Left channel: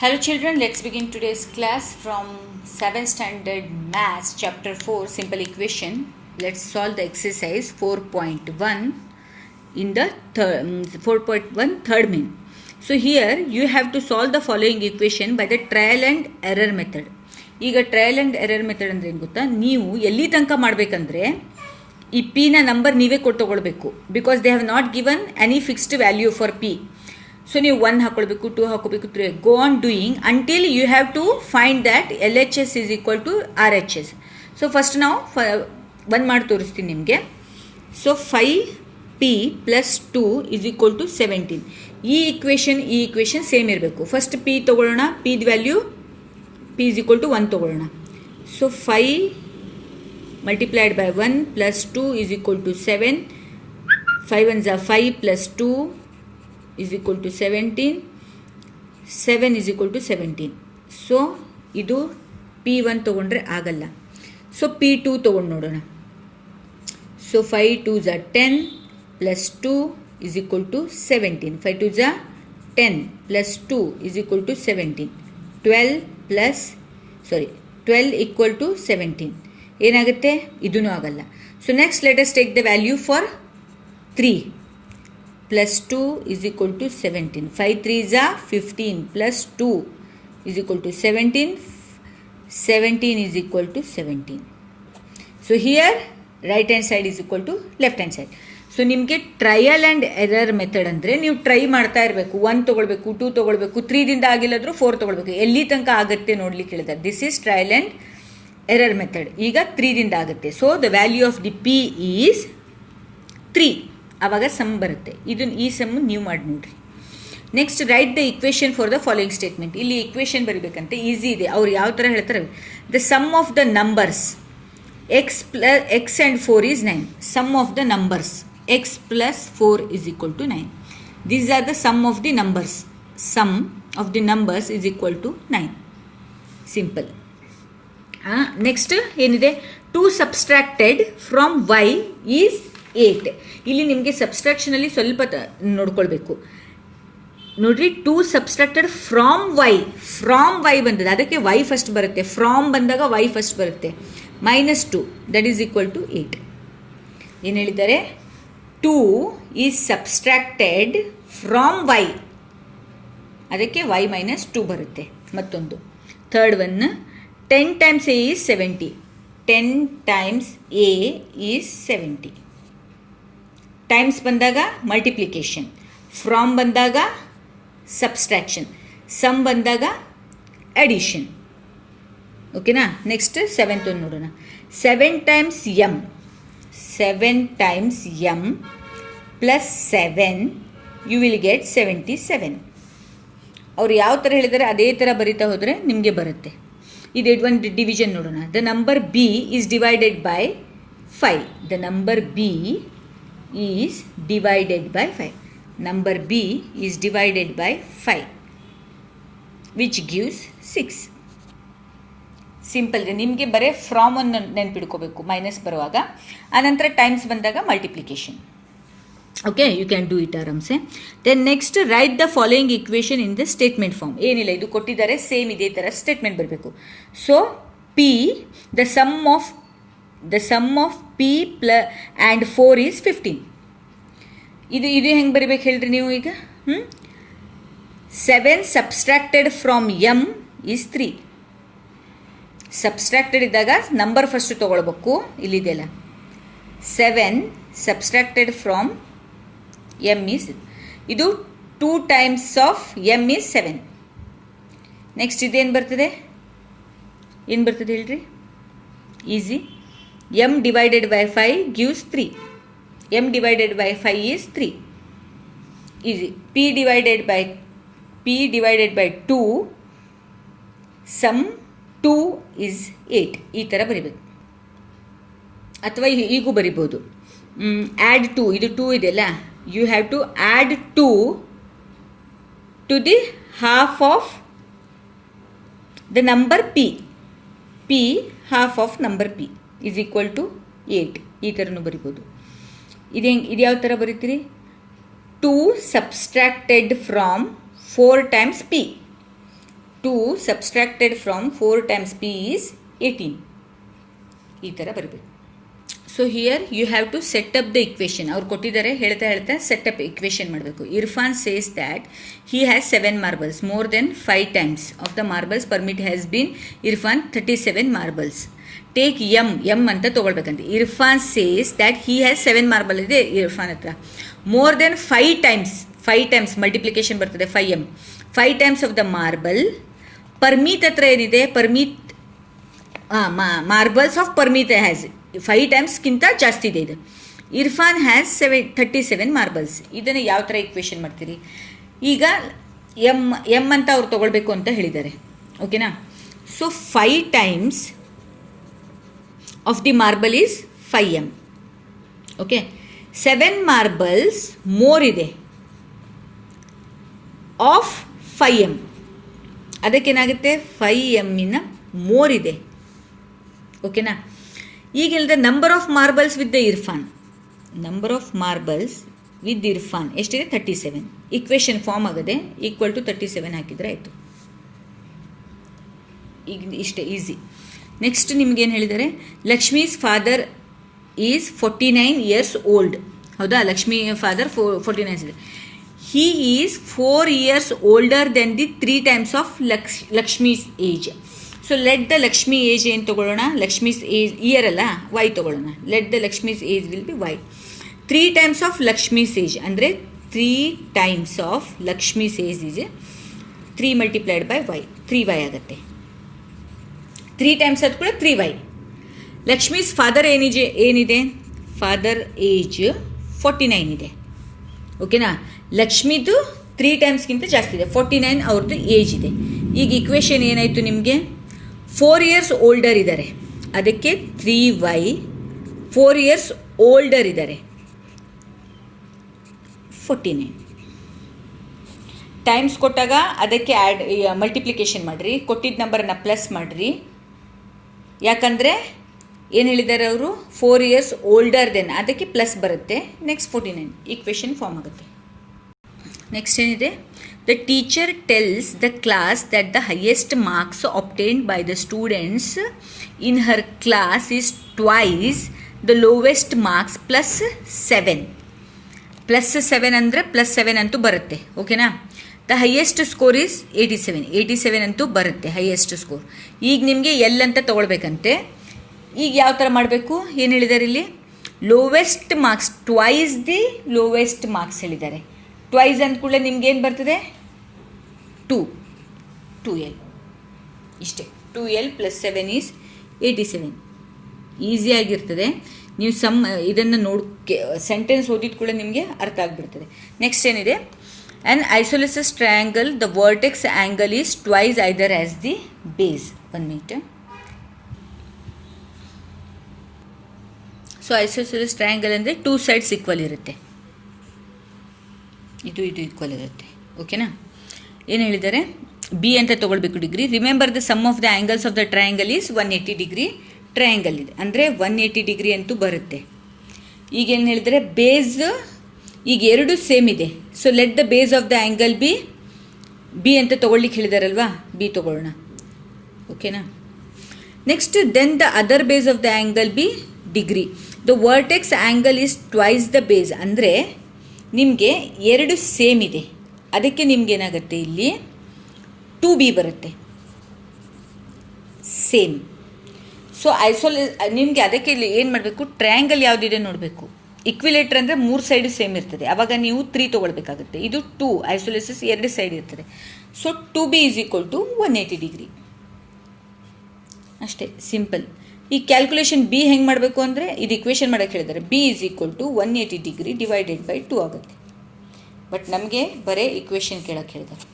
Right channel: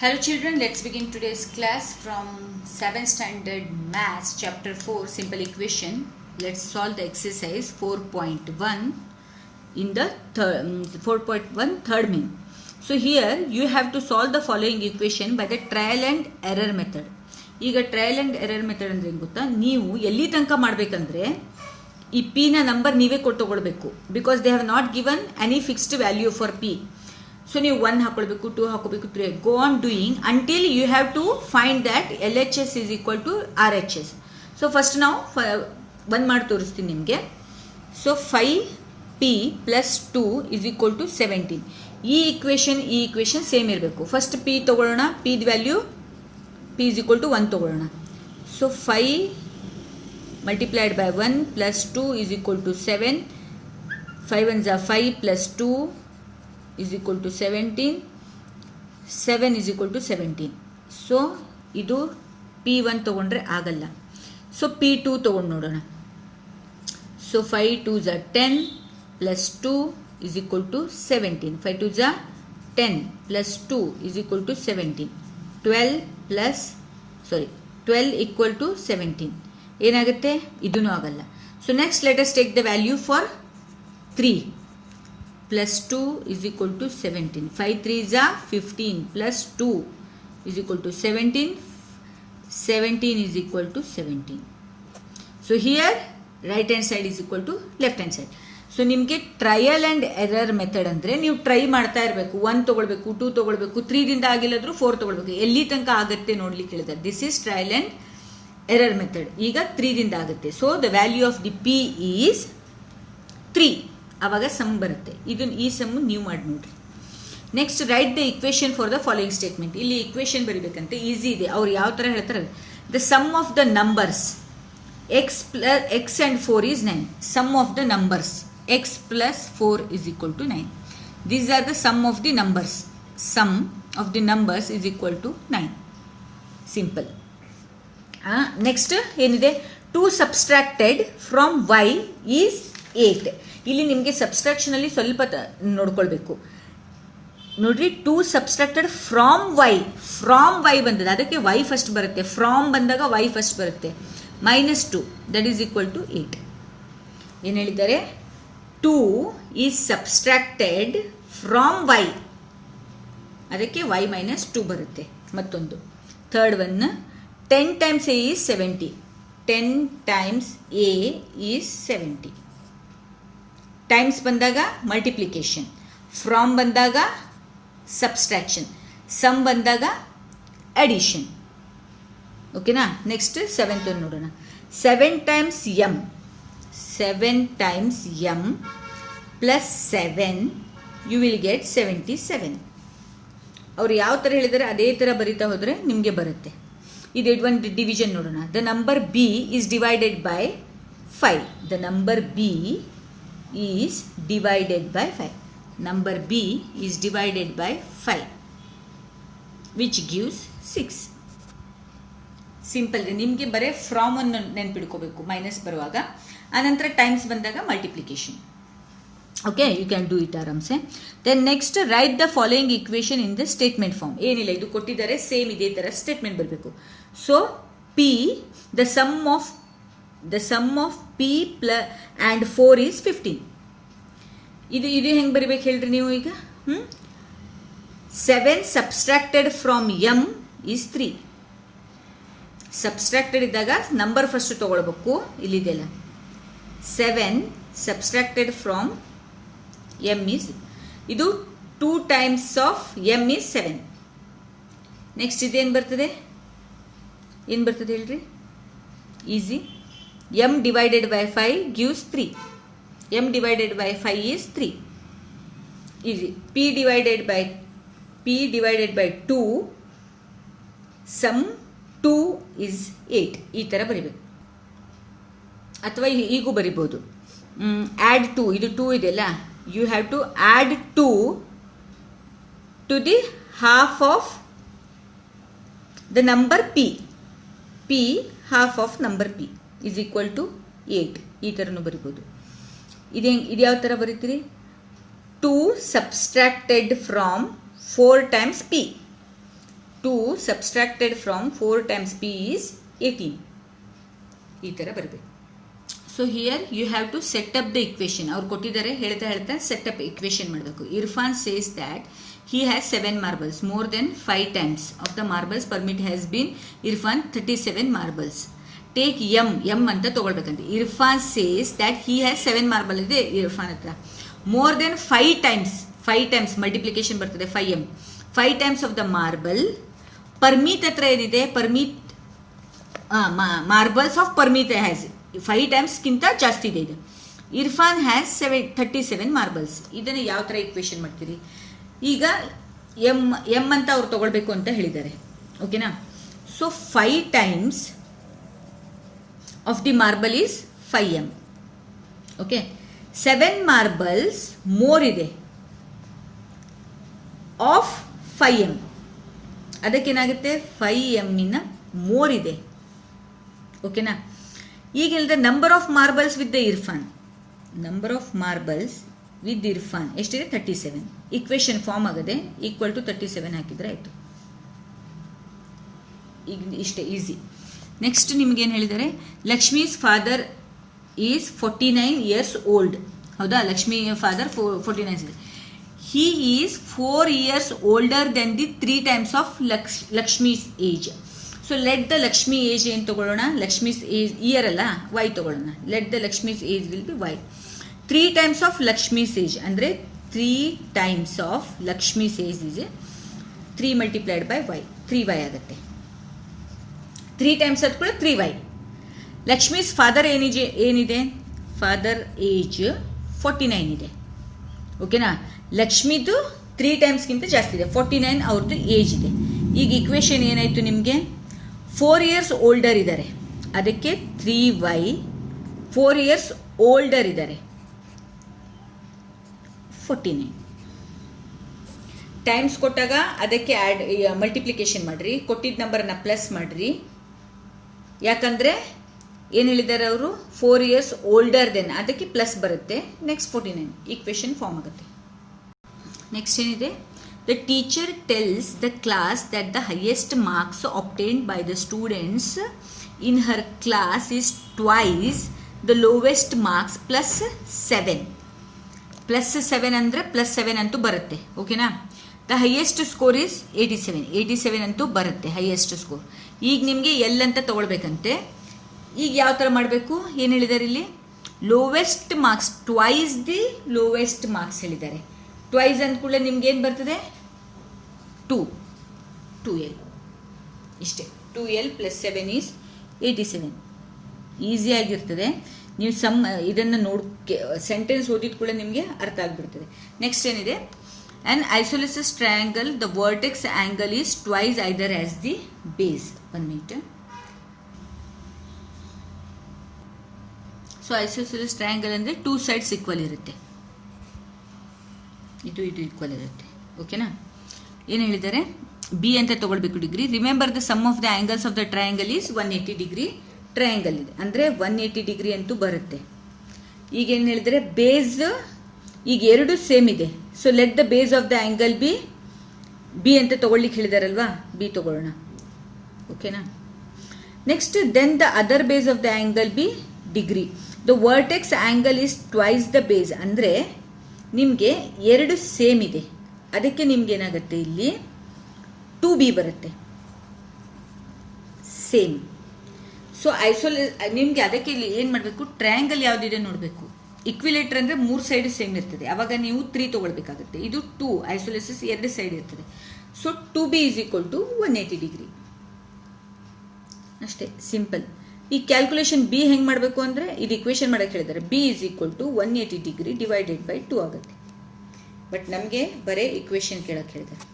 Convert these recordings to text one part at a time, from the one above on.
Hello children, let's begin today's class from 7th standard maths chapter 4 simple equation. Let's solve the exercise 4.1 in the 4.1 third main. So here you have to solve the following equation by the trial and error method. ಈಗ trial and error method ಅಂದರೆ ಏನು ಗೊತ್ತಾ, ನೀವು ಎಲ್ಲಿ ತನಕ ಮಾಡಬೇಕಂದ್ರೆ ಈ P ನ ನಂಬರ್ ನೀವೇ ಕೊಟ್ಟು ತಗೊಳ್ಬೇಕು. Because they have not given any fixed value for p. So ನೀವು 1 ಹಾಕೊಳ್ಬೇಕು, 2 ಹಾಕೋಬೇಕು, 3 go on doing until you have to find that L H S is equal to R H S. So first ನಾವು 1 ಮಾಡಿ ತೋರಿಸ್ತೀನಿ ನಿಮಗೆ. So 5p plus 2 is equal to 17. ಈ equation same ಇರಬೇಕು. First p ತಗೊಳ್ಳೋಣ, p value p is equal to 1 ತಗೊಳ್ಳೋಣ. So 5 multiplied by 1 plus 2 is equal to 7. 5 ones are 5 plus 2 is equal to 17. 7 is equal to 17. So ಇದು p1 ತಗೊಂಡ್ರೆ ಆಗಲ್ಲ. So p2 ತಗೊಂಡು ನೋಡೋಣ. So 5 2s are 10 plus 2 is equal to 17. 5 2s are 10 plus 2 is equal to 17. 12 equal to 17. ಏನಾಗುತ್ತೆ? ಇದೂ ಆಗಲ್ಲ. So next let us take the value for 3 plus 2 is equal to 17. 5 3s are 15 plus 2 is equal to 17. 17 is equal to 17. So here right hand side is equal to left hand side. So ನಿಮಗೆ trial and error method ಅಂದರೆ ನೀವು try ಮಾಡ್ತಾ ಇರಬೇಕು. 1 ತೊಗೊಳ್ಬೇಕು, 2 ತೊಗೊಳ್ಬೇಕು, 3ದಿಂದ ಆಗಿಲ್ಲಾದರೂ 4 ತೊಗೊಳ್ಬೇಕು. ಎಲ್ಲಿ ತನಕ ಆಗುತ್ತೆ ನೋಡ್ಲಿಕ್ಕೆ ಹೇಳಿದ್ದಾರೆ. This is trial and error method. ಈಗ 3ದಿಂದ ಆಗುತ್ತೆ. So the value of the p is 3. ಆವಾಗ ಸಮ್ ಬರುತ್ತೆ. ಈ ಸಮ್ ನೀವು ಮಾಡಿ ನೋಡ್ರಿ. Next write the equation for the following statement. ಇಲ್ಲಿ ಇಕ್ವೇಷನ್ ಬರೀಬೇಕಂತೆ, ಈಸಿ ಇದೆ. ಅವ್ರು ಯಾವ ಥರ ಹೇಳ್ತಾರೆ, the sum of the numbers x and 4 is 9. Sum of the numbers x plus 4 is equal to 9. These are the sum of the numbers. Sum of the numbers is equal to 9. Simple. Next ಏನಿದೆ, 2 subtracted from y is 8. ಇಲ್ಲಿ ನಿಮಗೆ ಸಬ್ಸ್ಟ್ರಾಕ್ಷನಲ್ಲಿ ಸ್ವಲ್ಪ ನೋಡ್ಕೊಳ್ಬೇಕು. ನೋಡ್ರಿ, 2 subtracted from Y ಬಂದಿದೆ, ಅದಕ್ಕೆ y first ಬರುತ್ತೆ. From ಬಂದಾಗ y ಫಸ್ಟ್ ಬರುತ್ತೆ. -2 ದಟ್ ಈಸ್ ಈಕ್ವಲ್ ಟು 8. ಏನು ಹೇಳಿದ್ದಾರೆ? 2 ಈಸ್ ಸಬ್ಸ್ಟ್ರಾಕ್ಟೆಡ್ ಫ್ರಾಮ್ y, ಅದಕ್ಕೆ y -2 ಬರುತ್ತೆ. ಮತ್ತೊಂದು third one, 10 times a is 70. 10 times a is 70. Times ಬಂದಾಗ ಮಲ್ಟಿಪ್ಲಿಕೇಶನ್, ಫ್ರಾಮ್ ಬಂದಾಗ ಸಬ್ಸ್ಟ್ರಾಕ್ಷನ್, ಸಮ್ ಬಂದಾಗ ಅಡಿಷನ್. ಓಕೆನಾ? ನೆಕ್ಸ್ಟ್ 7th ಒಂದು ನೋಡೋಣ. 7 times m plus 7 you will get 77. ಅವ್ರು ಯಾವ ಥರ ಹೇಳಿದ್ದಾರೆ ಅದೇ ಥರ ಬರೀತಾ ಹೋದರೆ ನಿಮಗೆ ಬರುತ್ತೆ. ಇದು ಒಂದು ಡಿವಿಷನ್ ನೋಡೋಣ. The number B is divided by 5. The number B is divided by 5. Number B is divided by 5 which gives 6. Simple. ನಿಮಗೆ ಬರೀ ಫ್ರಾಮ್ ಅನ್ನು ನೆನ್ಪಿಡ್ಕೋಬೇಕು ಮೈನಸ್ ಬರುವಾಗ. ಆನಂತರ ಟೈಮ್ಸ್ ಬಂದಾಗ multiplication. Okay, you can do it ಆರಾಮ್ಸೆ. Then next write the following equation in the statement form. ಏನಿಲ್ಲ, ಇದು ಕೊಟ್ಟಿದ್ದಾರೆ, ಸೇಮ್ ಇದೇ ಥರ ಸ್ಟೇಟ್ಮೆಂಟ್ ಬರಬೇಕು. So P the sum of P and 4 is 15. ಇದು ಹೆಂಗೆ ಬರೀಬೇಕು ಹೇಳ್ರಿ ನೀವು ಈಗ? 7 subtracted from M is 3. Subtracted ಇದ್ದಾಗ ನಂಬರ್ ಫಸ್ಟ್ ತೊಗೊಳ್ಬೇಕು. ಇಲ್ಲಿದೆಯಲ್ಲ, 7 ಸಬ್ಸ್ಟ್ರಾಕ್ಟೆಡ್ ಫ್ರಾಮ್ ಎಮ್ ಈಸ್, ಇದು 2 times of M is 7. Next ಇದೇನು ಬರ್ತದೆ ಹೇಳ್ರಿ? Easy. M divided by 5 gives 3. M divided by 5 is 3. Easy. P divided by 2 sum 2 is 8. ಈ ಥರ ಬರಿಬೇಕು. ಅಥವಾ ಈಗೂ ಬರಿಬೋದು. ಆ್ಯಡ್ 2, ಇದು 2 ಇದೆಯಲ್ಲ, you have to add 2 to the half of the number p. Half of number p is equal to 8. ಈ ಥರನೂ ಬರಿಬೋದು. ಇದು ಯಾವ ಥರ ಬರೀತೀರಿ? 2 subtracted from 4 times p. 2 subtracted from 4 times b is 18. ಈ ಥರ ಬರಬೇಕು. So here you have to set up the equation. ಅವ್ರು ಕೊಟ್ಟಿದ್ದಾರೆ, ಹೇಳ್ತಾ ಸೆಟ್ ಅಪ್ ಇಕ್ವೇಶನ್ ಮಾಡಬೇಕು. Irfan says that he has 7 marbles, more than 5 times of the marbles permit has been Irfan 37 marbles. Take m ಅಂತ ತಗೊಳ್ಬೇಕಂತೆ. Irfan says that he has 7 marble ಇದೆ ಇರ್ಫಾನ್ ಹತ್ರ. more than 5 times multiplication ಬರ್ತದೆ 5 times of the marble. ಪರ್ಮಿತ್ ಹತ್ರ ಏನಿದೆ, ಪರ್ಮಿತ್ marbles of ಪರ್ಮಿತ್ has 5 ಟೈಮ್ಸ್ಗಿಂತ ಜಾಸ್ತಿ ಇದೆ ಇದು. Irfan has 37 marbles. ಇದನ್ನು ಯಾವ ಥರ ಇಕ್ವೇಶನ್ ಮಾಡ್ತೀರಿ? ಈಗ ಎಮ್ ಅಂತ ಅವ್ರು ತಗೊಳ್ಬೇಕು ಅಂತ ಹೇಳಿದ್ದಾರೆ. ಓಕೆನಾ? So 5 times of the marble is 5m. Okay, 7 marbles more ಇದೆ ಆಫ್ 5m. ಅದಕ್ಕೇನಾಗುತ್ತೆ, 5m ಮೋರ್ ಇದೆ. ಓಕೆನಾ? ಈಗ ಹೇಳಿದ್ರೆ number of marbles with the Irfan, number of marbles with Irfan ಎಷ್ಟಿದೆ? 37. ಇಕ್ವೇಶನ್ ಫಾರ್ಮ್ ಆಗದೆ ಈಕ್ವಲ್ ಟು 37 ಹಾಕಿದರೆ ಆಯಿತು. ಈಗ ಇಷ್ಟೇ ಈಸಿ. ನೆಕ್ಸ್ಟ್ ನಿಮ್ಗೇನು ಹೇಳಿದ್ದಾರೆ, Lakshmi's father is 49 years old. ಹೌದಾ? ಲಕ್ಷ್ಮಿ ಫಾದರ್ 49 ಇದೆ. He is 4 years older then the 3 times of Lakshmi's age. So let the Lakshmi age ಏನು ತಗೊಳ್ಳೋಣ? ಲಕ್ಷ್ಮೀಸ್ ಏಜ್ ಇಯರ್ ಅಲ್ಲ, ವೈ ತಗೊಳ್ಳೋಣ. Let the Lakshmi's age will be Y. 3 times of Lakshmi's age ಅಂದರೆ 3 times of Lakshmi's age is 3 multiplied by Y, 3y ಆಗುತ್ತೆ. 3 times ಅದು ಕೂಡ 3y. Lakshmi's father ಏನಿದೆ? Father age 49 ಇದೆ. ಓಕೆನಾ? ಲಕ್ಷ್ಮಿದು 3 ಟೈಮ್ಸ್ಗಿಂತ ಜಾಸ್ತಿ ಇದೆ, 49 ಅವ್ರದ್ದು ಏಜ್ ಇದೆ. ಈಗ ಇಕ್ವೇಶನ್ ಏನಾಯಿತು ನಿಮಗೆ? 4 years ಓಲ್ಡರ್ ಇದ್ದಾರೆ, ಅದಕ್ಕೆ 3y. 4 years ಓಲ್ಡರ್ ಇದ್ದಾರೆ, 49 ಟೈಮ್ಸ್ ಕೊಟ್ಟಾಗ ಅದಕ್ಕೆ ಆ್ಯಡ್ ಮಲ್ಟಿಪ್ಲಿಕೇಶನ್ ಮಾಡಿರಿ, ಕೊಟ್ಟಿದ್ದ ನಂಬರನ್ನು ಪ್ಲಸ್ ಮಾಡಿರಿ. ಯಾಕಂದರೆ ಏನು ಹೇಳಿದ್ದಾರೆ ಅವರು? 4 years ಓಲ್ಡರ್ ದೆನ್, ಅದಕ್ಕೆ ಪ್ಲಸ್ ಬರುತ್ತೆ. ನೆಕ್ಸ್ಟ್ 49 ಈಕ್ವೇಶನ್ ಫಾರ್ಮ್ ಆಗುತ್ತೆ. ನೆಕ್ಸ್ಟ್ ಏನಿದೆ? The teacher tells the class that the highest marks obtained by the students in her class is twice the lowest marks plus 7. Plus 7 ಅಂದರೆ plus 7 ಅಂತೂ ಬರುತ್ತೆ. ಓಕೆನಾ? The highest score is 87 ಅಂತೂ ಬರುತ್ತೆ highest score. ಈಗ ನಿಮಗೆ L ಅಂತ ತೊಗೊಳ್ಬೇಕಂತೆ. ಈಗ ಯಾವ ಥರ ಮಾಡಬೇಕು? ಏನು ಹೇಳಿದ್ದಾರೆ ಇಲ್ಲಿ? Lowest marks, twice the lowest marks ಹೇಳಿದ್ದಾರೆ. ಟ್ವೈಸ್ ಅಂದ ಕೂಡಲೇ ನಿಮ್ಗೆ ಏನು ಬರ್ತದೆ? 2l ಇಷ್ಟೇ. 2l plus 7 is 87. ಈಸಿಯಾಗಿರ್ತದೆ. ನೀವು ಇದನ್ನು ಸೆಂಟೆನ್ಸ್ ಓದಿದ ಕೂಡ ನಿಮಗೆ ಅರ್ಥ ಆಗಿಬಿಡ್ತದೆ. ನೆಕ್ಸ್ಟ್ ಏನಿದೆ? An isosceles triangle the vertex angle is twice either as the base. 1 minute. So isosceles triangle ಅಂದರೆ 2 sides ಈಕ್ವಲ್ ಇರುತ್ತೆ, ಇದು ಈಕ್ವಲ್ ಇರುತ್ತೆ. ಓಕೆನಾ? ಏನು ಹೇಳಿದ್ದಾರೆ? ಬಿ ಅಂತ ತೊಗೊಳ್ಬೇಕು degree. Remember the sum of the angles of the triangle is 180 degree. Triangle ಇದೆ ಅಂದರೆ 180 degree ಅಂತೂ ಬರುತ್ತೆ. ಈಗೇನು ಹೇಳಿದರೆ? ಬೇಸ್ ಈಗ 2 ಸೇಮ್ ಇದೆ. So let the base of the angle b ಅಂತ ತೊಗೊಳ್ಲಿಕ್ಕೆ ಹೇಳಿದಾರಲ್ವಾ, ಬಿ ತೊಗೊಳ್ಳೋಣ. ಓಕೆನಾ? Next then the other base of the angle b degree. The vertex angle is twice the base ಅಂದರೆ ನಿಮಗೆ 2 ಸೇಮ್ ಇದೆ, ಅದಕ್ಕೆ ನಿಮ್ಗೇನಾಗುತ್ತೆ ಇಲ್ಲಿ 2b ಬರುತ್ತೆ ಸೇಮ್. ಸೊ ನಿಮಗೆ ಅದಕ್ಕೆ ಇಲ್ಲಿ ಏನು ಮಾಡಬೇಕು? ಟ್ರಯಾಂಗಲ್ ಯಾವುದಿದೆ ನೋಡಬೇಕು. ಇಕ್ವಿಲೇಟರ್ ಅಂದರೆ 3 ಸೈಡ್ ಸೇಮ್ ಇರ್ತದೆ, ಆವಾಗ ನೀವು 3 ತೊಗೊಳ್ಬೇಕಾಗುತ್ತೆ. ಇದು 2 ಐಸೋಲಿಸಿಸ್ 2 ಸೈಡ್ ಇರ್ತದೆ. So 2b is equal to 180 degree. ಅಷ್ಟೇ, ಸಿಂಪಲ್. ಈ ಕ್ಯಾಲ್ಕುಲೇಷನ್ ಬಿ ಹೆಂಗೆ ಮಾಡಬೇಕು ಅಂದರೆ ಇದು ಇಕ್ವೇಷನ್ ಮಾಡೋಕ್ಕೆ ಹೇಳಿದ್ದಾರೆ. B is equal to 180 degree divided by 2 ಆಗುತ್ತೆ. ಬಟ್ ನಮಗೆ ಬರೀ ಇಕ್ವೇಷನ್ ಕೇಳಕ್ಕೆ ಹೇಳಿದ್ದಾರೆ.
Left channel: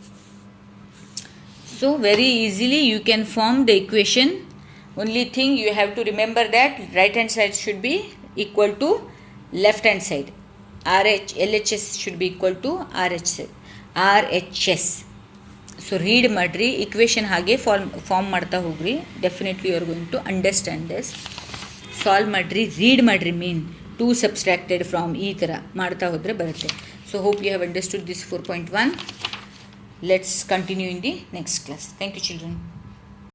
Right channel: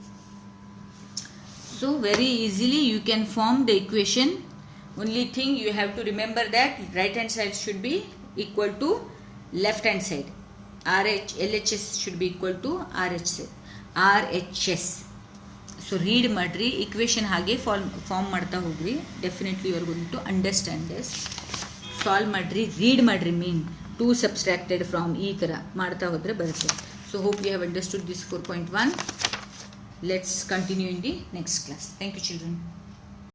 So very easily you can form the equation. Only thing you have to remember that right hand side should be equal to left hand side. LHS should be equal to RHS. So read ಮಾಡಿರಿ, equation ಹಾಗೆ form ಮಾಡ್ತಾ ಹೋಗ್ರಿ. Definitely you are going to understand this. Solve ಮಾಡಿರಿ, read ಮಾಡಿರಿ. Mean 2 subtracted from ಈ ಥರ ಮಾಡ್ತಾ ಹೋದರೆ ಬರುತ್ತೆ. So hope you have understood this 4.1. Let's continue in the next class. Thank you, children.